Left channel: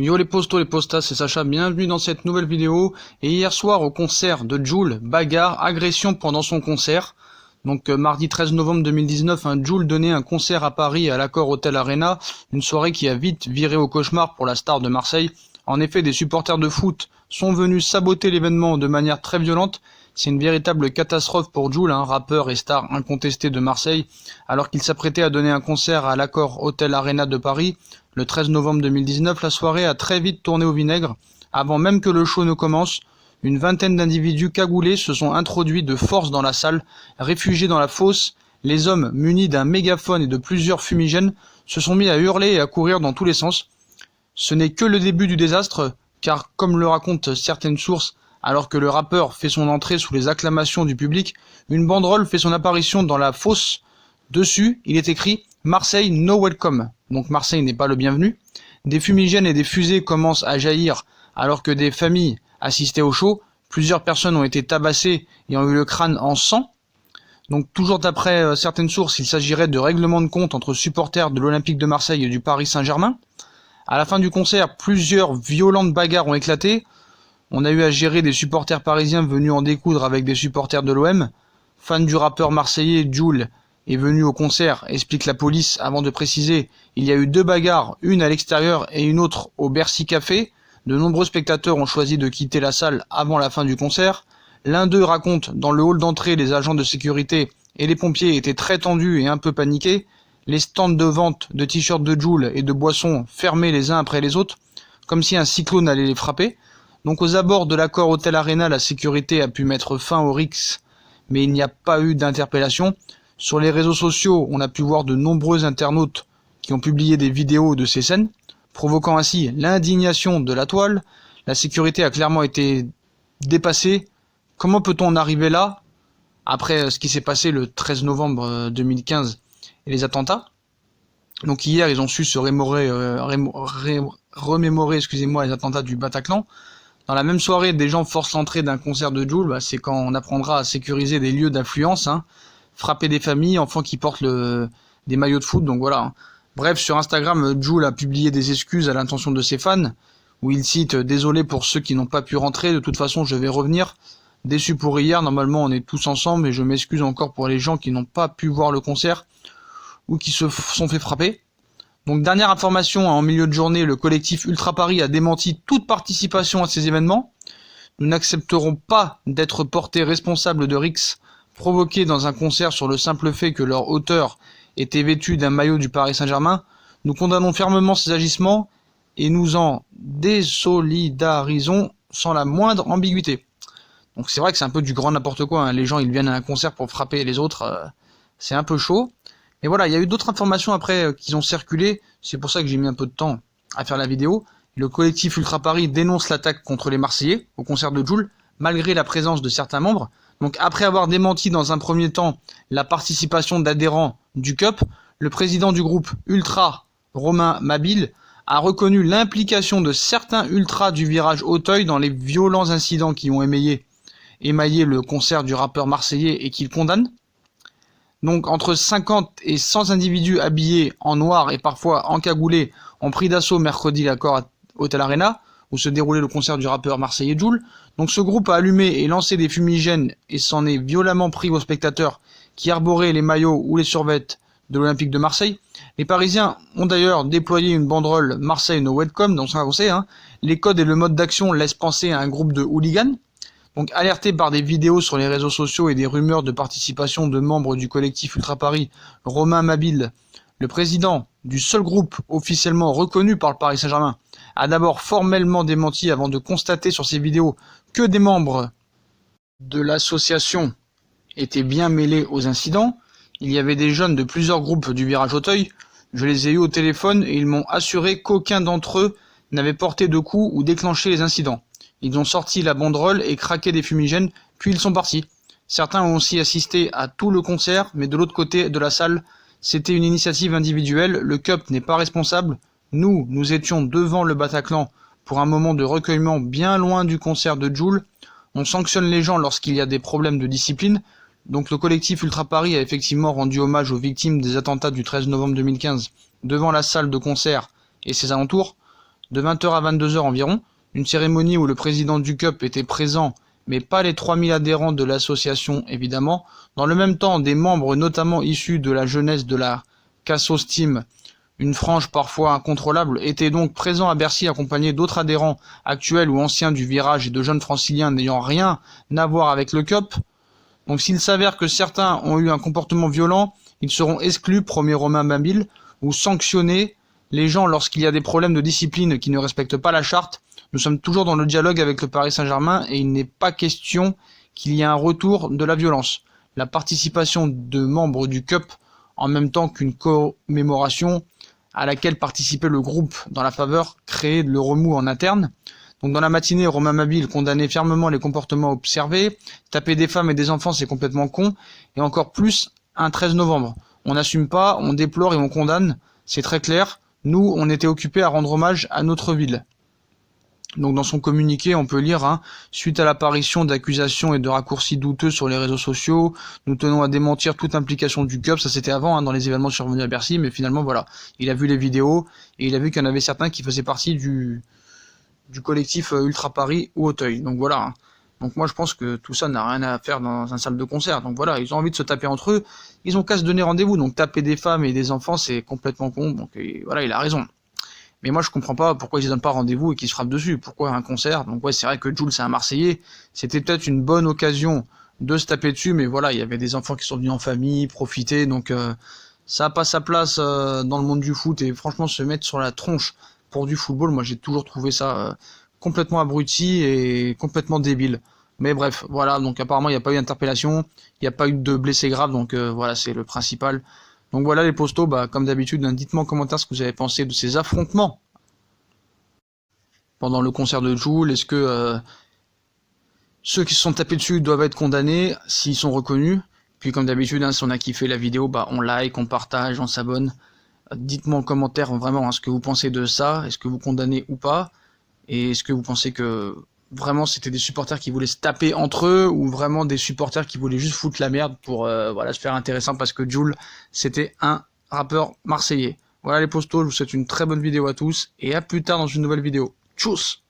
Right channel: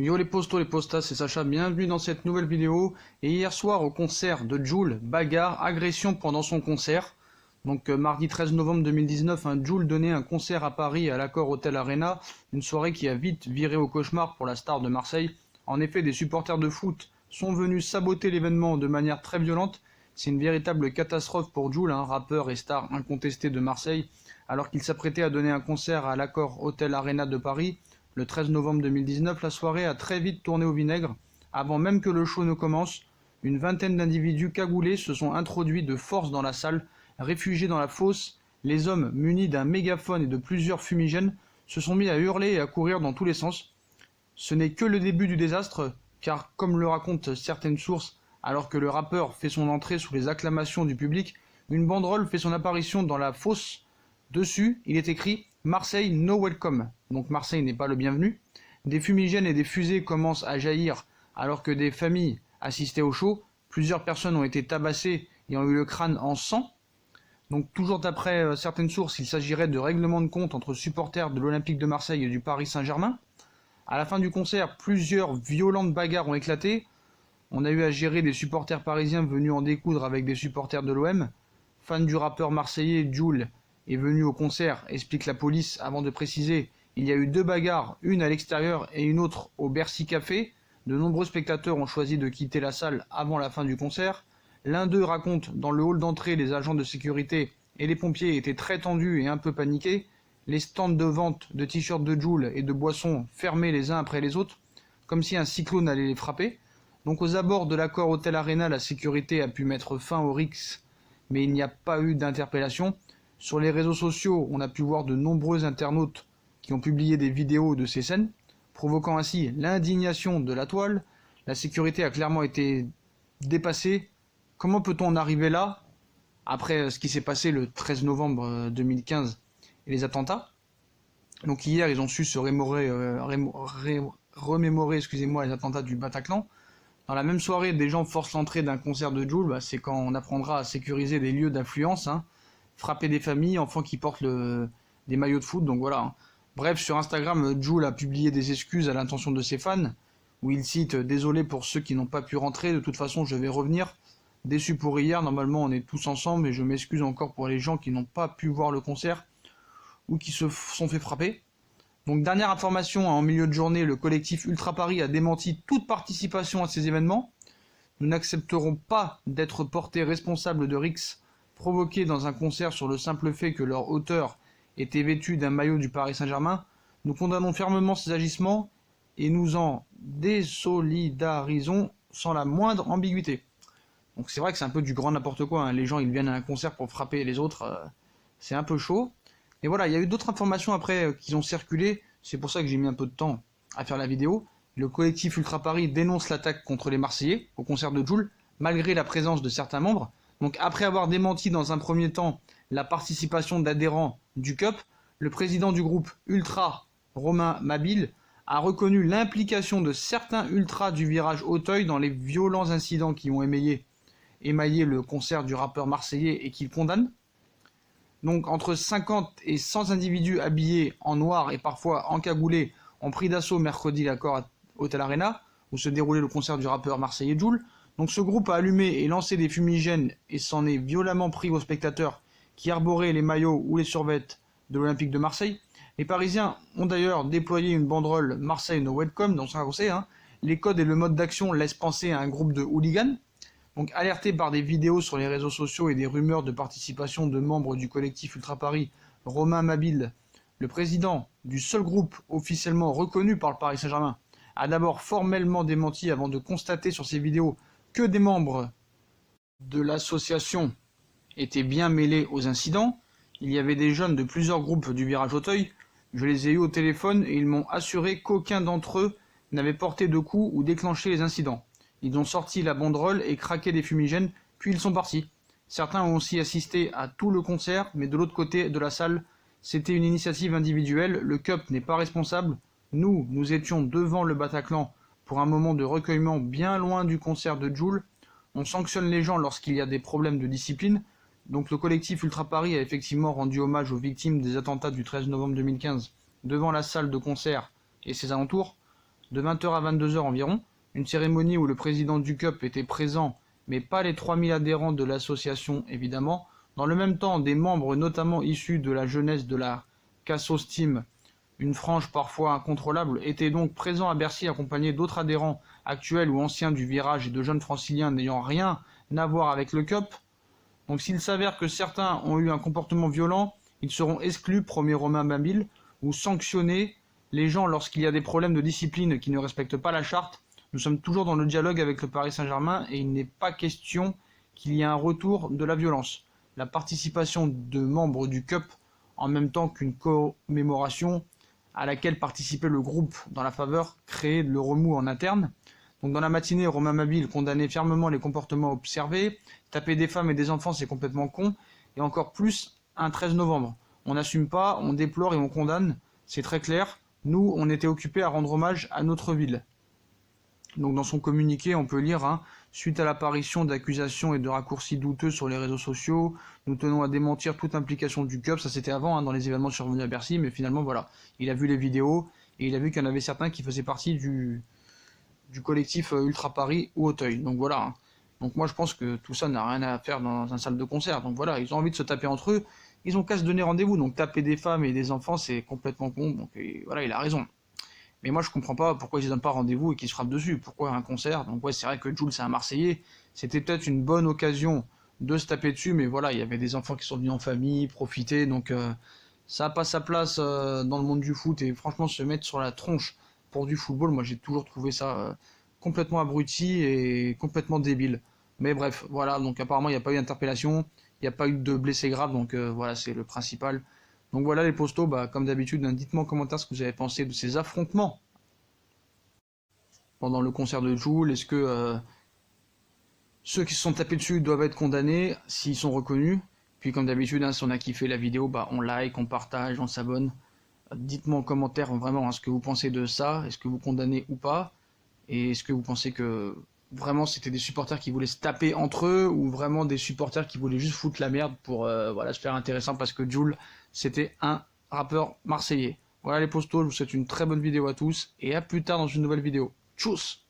Yo les postos, les postas, c'est Sacha, bienvenue dans cette nouvelle vidéo. Et hier soir au concert de Jul, bagarre, agression pendant son concert. Donc mardi 13 novembre 2019, Jul donnait un concert à Paris à l'Accor Hotel Arena, une soirée qui a vite viré au cauchemar pour la star de Marseille. En effet, des supporters de foot sont venus saboter l'événement de manière très violente. C'est une véritable catastrophe pour Jul, rappeur et star incontesté de Marseille, alors qu'il s'apprêtait à donner un concert à l'Accor Hotel Arena de Paris. Le 13 novembre 2019, la soirée a très vite tourné au vinaigre. Avant même que le show ne commence, une vingtaine d'individus cagoulés se sont introduits de force dans la salle. Réfugiés dans la fosse, les hommes munis d'un mégaphone et de plusieurs fumigènes se sont mis à hurler et à courir dans tous les sens. Ce n'est que le début du désastre, car comme le racontent certaines sources, alors que le rappeur fait son entrée sous les acclamations du public, une banderole fait son apparition dans la fosse. Dessus, il est écrit « Marseille no welcome », donc Marseille n'est pas le bienvenu. Des fumigènes et des fusées commencent à jaillir alors que des familles assistaient au show. Plusieurs personnes ont été tabassées et ont eu le crâne en sang. Donc toujours d'après certaines sources, il s'agirait de règlements de compte entre supporters de l'Olympique de Marseille et du Paris Saint-Germain. À la fin du concert, plusieurs violentes bagarres ont éclaté. On a eu à gérer des supporters parisiens venus en découdre avec des supporters de l'OM. Fan du rappeur marseillais, Jul est venu au concert, explique la police, avant de préciser il y a eu 2 bagarres, une à l'extérieur et une autre au Bercy Café. De nombreux spectateurs ont choisi de quitter la salle avant la fin du concert. L'un d'eux raconte dans le hall d'entrée, les agents de sécurité et les pompiers étaient très tendus et un peu paniqués. Les stands de vente de t-shirts de Jul et de boissons fermés les uns après les autres, comme si un cyclone allait les frapper. Donc aux abords de l'Accor Hotel Arena, la sécurité a pu mettre fin aux rixes, mais il n'y a pas eu d'interpellation. Sur les réseaux sociaux, on a pu voir de nombreux internautes qui ont publié des vidéos de ces scènes, provoquant ainsi l'indignation de la toile. La sécurité a clairement été dépassée. Comment peut-on en arriver là, après ce qui s'est passé le 13 novembre 2015 et les attentats? Donc hier, ils ont su se remémorer les attentats du Bataclan. Dans la même soirée, des gens forcent l'entrée d'un concert de Jul, c'est quand on apprendra à sécuriser des lieux d'influence, frapper des familles, enfants qui portent des maillots de foot, donc voilà. Bref, sur Instagram, Jul a publié des excuses à l'intention de ses fans, où il cite « Désolé pour ceux qui n'ont pas pu rentrer, de toute façon je vais revenir. Déçu pour hier, normalement on est tous ensemble, et je m'excuse encore pour les gens qui n'ont pas pu voir le concert, ou qui se sont fait frapper. » Donc dernière information, en milieu de journée, le collectif Ultra Paris a démenti toute participation à ces événements. Nous n'accepterons pas d'être portés responsables de rixes provoqués dans un concert sur le simple fait que leur auteur était vêtu d'un maillot du Paris Saint-Germain. Nous condamnons fermement ces agissements et nous en désolidarisons sans la moindre ambiguïté. Donc c'est vrai que c'est un peu du grand n'importe quoi, les gens ils viennent à un concert pour frapper les autres, c'est un peu chaud. Mais voilà, il y a eu d'autres informations après qui ont circulé, c'est pour ça que j'ai mis un peu de temps à faire la vidéo. Le collectif Ultra Paris dénonce l'attaque contre les Marseillais au concert de Jul, malgré la présence de certains membres. Donc après avoir démenti dans un premier temps la participation d'adhérents du CUP, le président du groupe Ultra, Romain Mabille, a reconnu l'implication de certains ultras du virage Auteuil dans les violents incidents qui ont émaillé le concert du rappeur marseillais et qu'il condamne. Donc entre 50 et 100 individus habillés en noir et parfois encagoulés ont pris d'assaut mercredi l'Accor Hotel Arena, où se déroulait le concert du rappeur marseillais Jul. Donc ce groupe a allumé et lancé des fumigènes et s'en est violemment pris aux spectateurs qui arboraient les maillots ou les survêtements de l'Olympique de Marseille. Les Parisiens ont d'ailleurs déployé une banderole Marseille no welcome, donc ça on sait, les codes et le mode d'action laissent penser à un groupe de hooligans. Donc alerté par des vidéos sur les réseaux sociaux et des rumeurs de participation de membres du collectif Ultra Paris, Romain Mabille, le président du seul groupe officiellement reconnu par le Paris Saint-Germain, a d'abord formellement démenti avant de constater sur ces vidéos que des membres de l'association étaient bien mêlés aux incidents. Il y avait des jeunes de plusieurs groupes du virage Auteuil. Je les ai eus au téléphone et ils m'ont assuré qu'aucun d'entre eux n'avait porté de coups ou déclenché les incidents. Ils ont sorti la banderole et craqué des fumigènes, puis ils sont partis. Certains ont aussi assisté à tout le concert, mais de l'autre côté de la salle, c'était une initiative individuelle. Le CUP n'est pas responsable. Nous étions devant le Bataclan pour un moment de recueillement bien loin du concert de Jul. On sanctionne les gens lorsqu'il y a des problèmes de discipline. Donc le collectif Ultra Paris a effectivement rendu hommage aux victimes des attentats du 13 novembre 2015 devant la salle de concert et ses alentours. de 20 h à 22 h environ. Une cérémonie où le président du CUP était présent, mais pas les 3000 adhérents de l'association évidemment. Dans le même temps, des membres notamment issus de la jeunesse de la Cassos Team, une frange parfois incontrôlable, étaient donc présents à Bercy accompagnés d'autres adhérents actuels ou anciens du virage et de jeunes franciliens n'ayant rien à voir avec le CUP. Donc s'il s'avère que certains ont eu un comportement violent, ils seront exclus, promet Romain Babil, ou sanctionnés. Les gens, lorsqu'il y a des problèmes de discipline qui ne respectent pas la charte, nous sommes toujours dans le dialogue avec le Paris Saint-Germain et il n'est pas question qu'il y ait un retour de la violence. La participation de membres du CUP, en même temps qu'une commémoration à laquelle participait le groupe dans la faveur, créait le remous en interne. Donc dans la matinée, Romain Babil condamnait fermement les comportements observés. Taper des femmes et des enfants, c'est complètement con. Et encore plus, un 13 novembre. On n'assume pas, on déplore et on condamne. C'est très clair. Nous, on était occupés à rendre hommage à notre ville. Donc dans son communiqué, on peut lire suite à l'apparition d'accusations et de raccourcis douteux sur les réseaux sociaux, nous tenons à démentir toute implication du CUP. Ça c'était avant, dans les événements survenus à Bercy, mais finalement voilà, il a vu les vidéos et il a vu qu'il y en avait certains qui faisaient partie du collectif Ultra Paris ou Auteuil. Donc voilà. Donc moi je pense que tout ça n'a rien à faire dans un salle de concert. Donc voilà, ils ont envie de se taper entre eux, ils ont qu'à se donner rendez-vous. Donc taper des femmes et des enfants, c'est complètement con. Donc voilà, il a raison. Mais moi je comprends pas pourquoi ils ne donnent pas rendez-vous et qu'ils se frappent dessus. Pourquoi un concert? Donc ouais, c'est vrai que Jul c'est un Marseillais. C'était peut-être une bonne occasion de se taper dessus, mais voilà, il y avait des enfants qui sont venus en famille, profiter. Donc ça n'a pas sa place dans le monde du foot. Et franchement, se mettre sur la tronche pour du football, moi j'ai toujours trouvé ça complètement abruti et complètement débile. Mais bref, voilà, donc apparemment il n'y a pas eu d'interpellation, il n'y a pas eu de blessés graves, donc voilà, c'est le principal. Donc voilà les postos, comme d'habitude, dites-moi en commentaire ce que vous avez pensé de ces affrontements pendant le concert de Jul. Est-ce que ceux qui se sont tapés dessus doivent être condamnés s'ils sont reconnus? Puis comme d'habitude, si on a kiffé la vidéo, on like, on partage, on s'abonne. Dites-moi en commentaire vraiment ce que vous pensez de ça, est-ce que vous condamnez ou pas, et est-ce que vous pensez que vraiment c'était des supporters qui voulaient se taper entre eux, ou vraiment des supporters qui voulaient juste foutre la merde pour voilà, se faire intéressant parce que Jul c'était un rappeur marseillais. Voilà les postos, je vous souhaite une très bonne vidéo à tous, et à plus tard dans une nouvelle vidéo. Tchuss!